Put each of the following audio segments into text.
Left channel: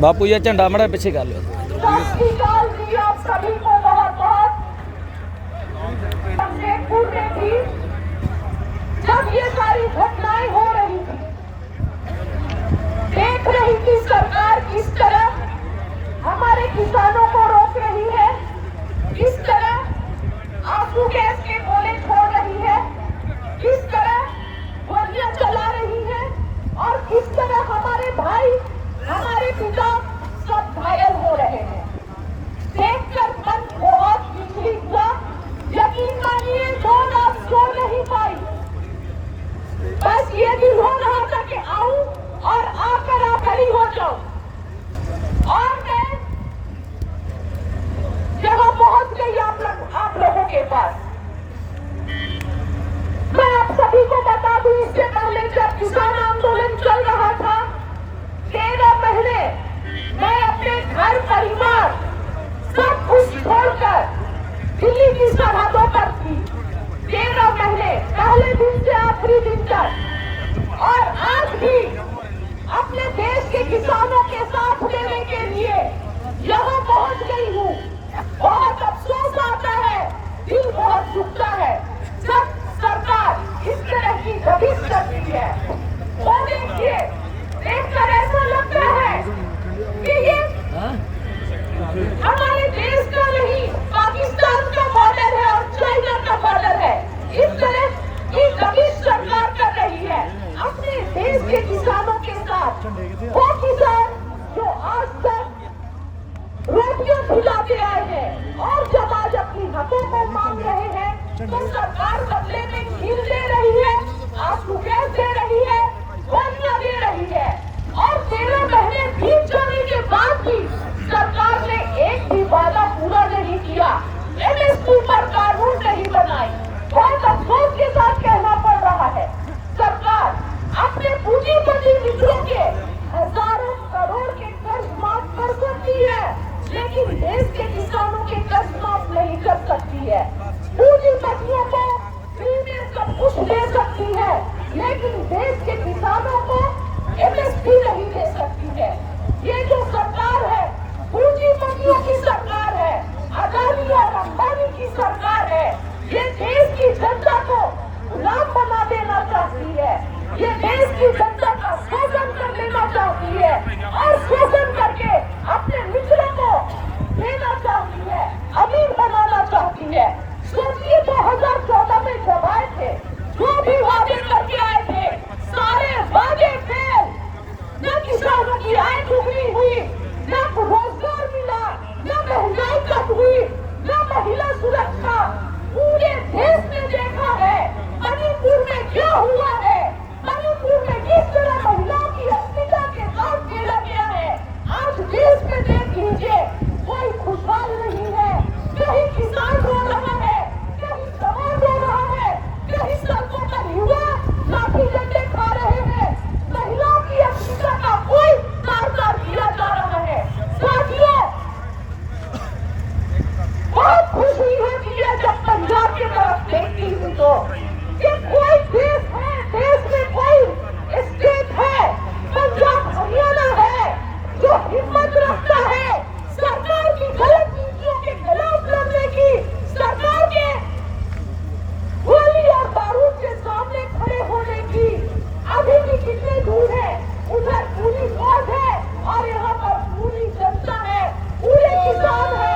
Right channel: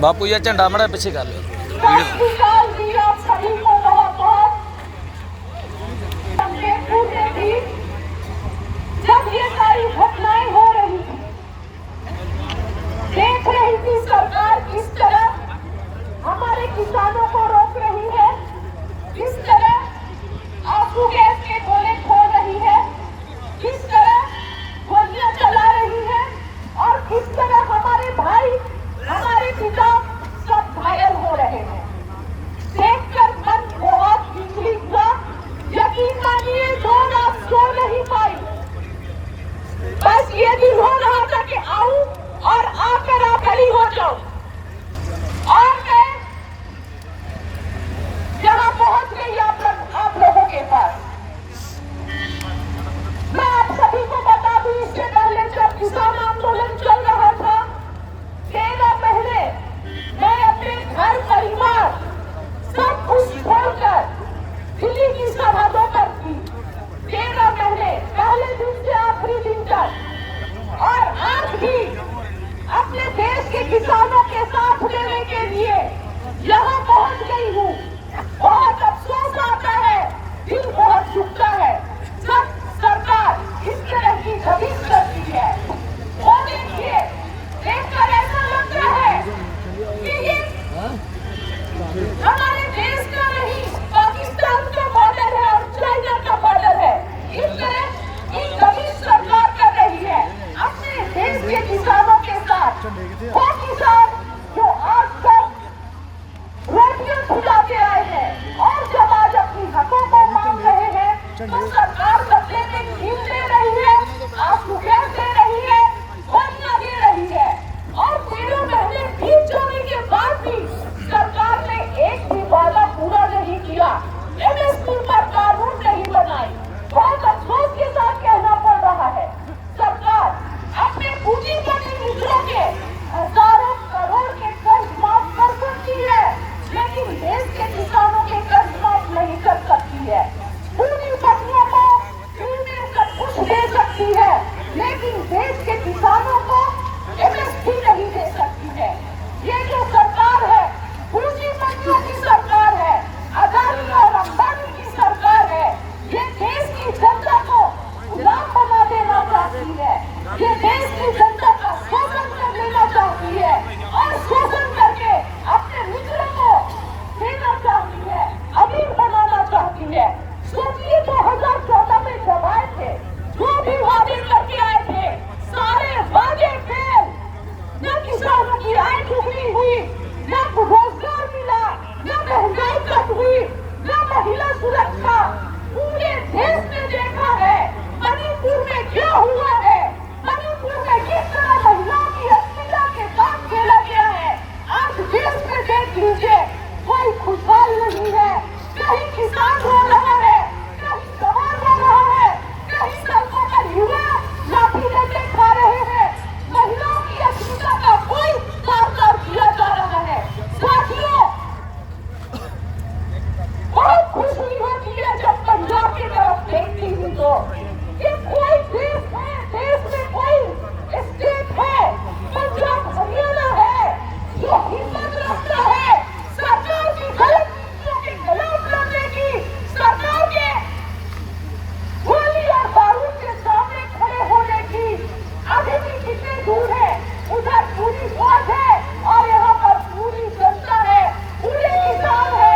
बापू ये झंडा मड़ा पीछे कर लो। जब ये सारी घटनाएं हो रही थी, देख रही थी सरकार किस तरह हमारे किसानों को रोक रही है, किस तरह आंसू गैस के गोले छोड़ रही है, किस तरह गोलियां चला रही है और किस तरह हमारे भाई, हमारे पिता सब घायल हो रहे हैं। देखकर मन बहुत विचलित हुआ। यकीन मानिए जो ना सो नहीं पाई। बस ये दिल हो रहा था कि आऊं और आकर खड़ी हो जाऊं। और मैं यहाँ पहुंच गई आप लोगों के पास। मैं आप सभी को बता दूं, इससे पहले जब किसान आंदोलन चल रहा था 13 महीने मैं अपने घर परिवार सब कुछ छोड़कर दिल्ली की सरहदों पर थी। 13 महीने पहले दिन से आखिरी दिन तक। और आज भी अपने देश के किसानों के साथ लेने के लिए यहाँ पहुंच गई हूँ। बहुत अफसोस आता है, दिल बहुत दुखता है जब सरकार इस तरह की दबिश करती है। वो देखिए, देखकर ऐसा लगता है कि ये हमारे देश का नहीं, पाकिस्तान का बॉर्डर है और चाइना का बॉर्डर है। इस तरह की दबिश सरकार कर रही है अपने देश के किसानों के साथ। वो किसान जो आज तक रोटियां खिलाते आए हैं और जब आज अपनी हकों को मांग रहे हैं तो सरकार बदले में ढील दे रही है, आंसू गैस दे रही है, गोलियां दे रही है। और 13 महीने बीत जाने के बाद भी सरकार ने एक भी वादा पूरा नहीं किया, एमएसपी पर कानून नहीं बनाई। बहुत अफसोस के साथ कहना पड़ रहा है, सरकार अपने पूंजीपति मित्रों के हजारों करोड़ के कर्ज माफ कर सकती है, लेकिन देश के किसानों के कर्ज माफ नहीं कर सकती है। पूंजीपतियों को फ्री में सब कुछ दे सकती है, लेकिन देश के किसानों को एमएसपी नहीं दे सकती है। ये जो सरकार है पूंजीपतियों की सरकार है, अदानी और अंबानी की सरकार है। ये देश की जनता को गुलाम बना देना चाहती है, ये देश की जनता का शोषण कर लेना चाहती है और शोषण करके अपने मित्रों को देना चाहती है, अमीर बनाना चाहती है। सोचिए 2014 में जब आए थे, जो भी वादे करके आए थे, सारे वादे फेल। न किसानों की आय दुगनी हुई, न रोजगार मिला, न महंगाई कम हुई, न महिला सुरक्षा। पूरे देश में देखा है मणिपुर में क्या हुआ है, मणिपुर में किस तरह महिलाओं की अस्मिता के साथ खेला गया है। आज देश में देख लीजिए, कोई खुशहाल नहीं है। कहीं किसान रो रहा है, कहीं जवान रो रहा है, कहीं सड़कों पर युवा लाठी डंडे खा रहे हैं। महिलाओं की अस्मिता का कोई कारगर किया जा रहा है। साथियों, बहुत खुश हुई होती है जब पंजाब की तरफ देखती हूँ तो कि कोई देश है, देश में कोई स्टेट है, पंजाब हरियाणा है, जो हिम्मत रखता है सरकार की गलत नीतियों के खिलाफ लड़ने की, सरकार के गोली और बारूद के सामने खड़े होने की। अभी भी कितनी दूर है, उधर पूरी फौज है और यहाँ पर पूरी जनता है, पूरे किसान है।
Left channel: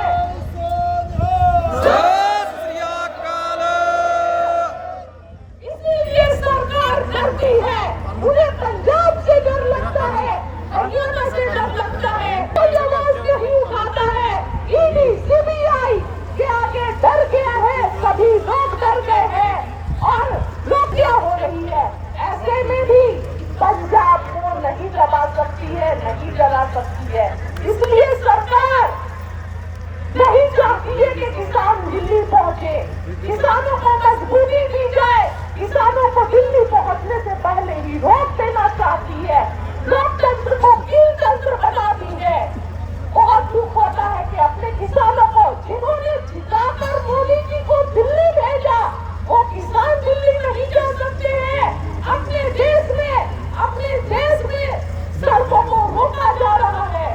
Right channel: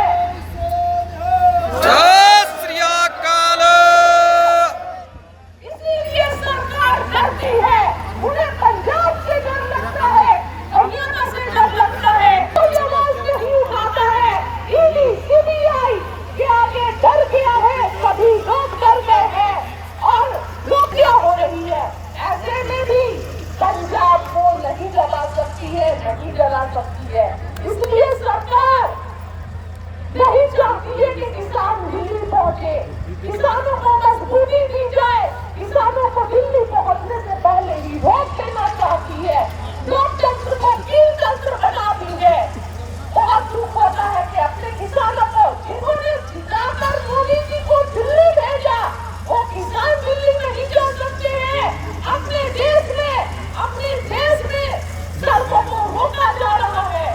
इसीलिए सरकार डरती है, उन्हें पंजाब से डर लगता है, हरियाणा से डर लगता है। कोई आवाज नहीं उठाता है। ईडी सीबीआई के आगे डर गया है, सभी लोग डर गए हैं और रोकिया हो रही है। ऐसे में भी पंजाब को नहीं जला सकती है, नहीं जला सकती है। इसलिए सरकार नहीं चाहती है कि किसान दिल्ली पहुंचे, किसानों को मजबूरी दी जाए, किसानों को दिल्ली पहुंचने से पहले ही रोक देना चाहती है, लोकतंत्र को कील तंत्र बनाती है। बहुत दुख होता है कि अपने किसानों को जिन्होंने जिताकर मोदी जी को दिल्ली भेजा, वो किसान दिल्ली नहीं जा सकते हैं। अपने देश में सड़कों को रोका जा रहा है,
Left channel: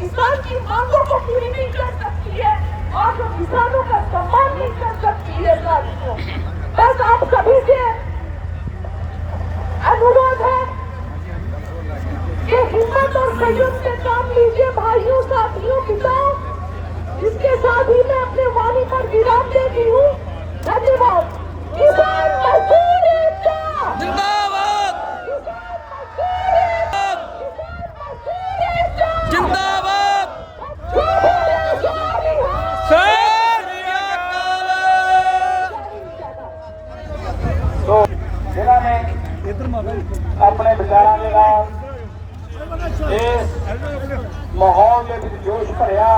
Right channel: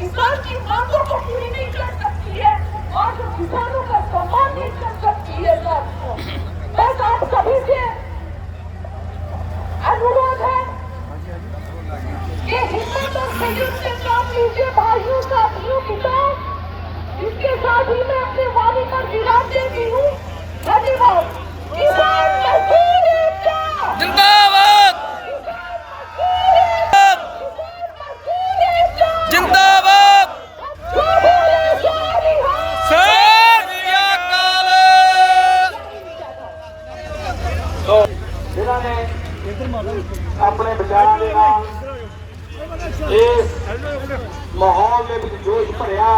किसान की मांगों को पूरी नहीं कर सकती है और जो किसानों का सम्मान नहीं कर सकती है साथियों, बस आप सभी से अनुरोध है कि हिम्मत और संयम से काम लीजिए भाइयों, साथियों, किसान। इसके साथ ही मैं अपने वाणी पर विराम देती हूँ। धन्यवाद। किसान मजदूर एकता जिंदाबाद जिंदाबाद। तो जिन्होंने अपने विचारों के नाल इस माहौल के जोश भरिया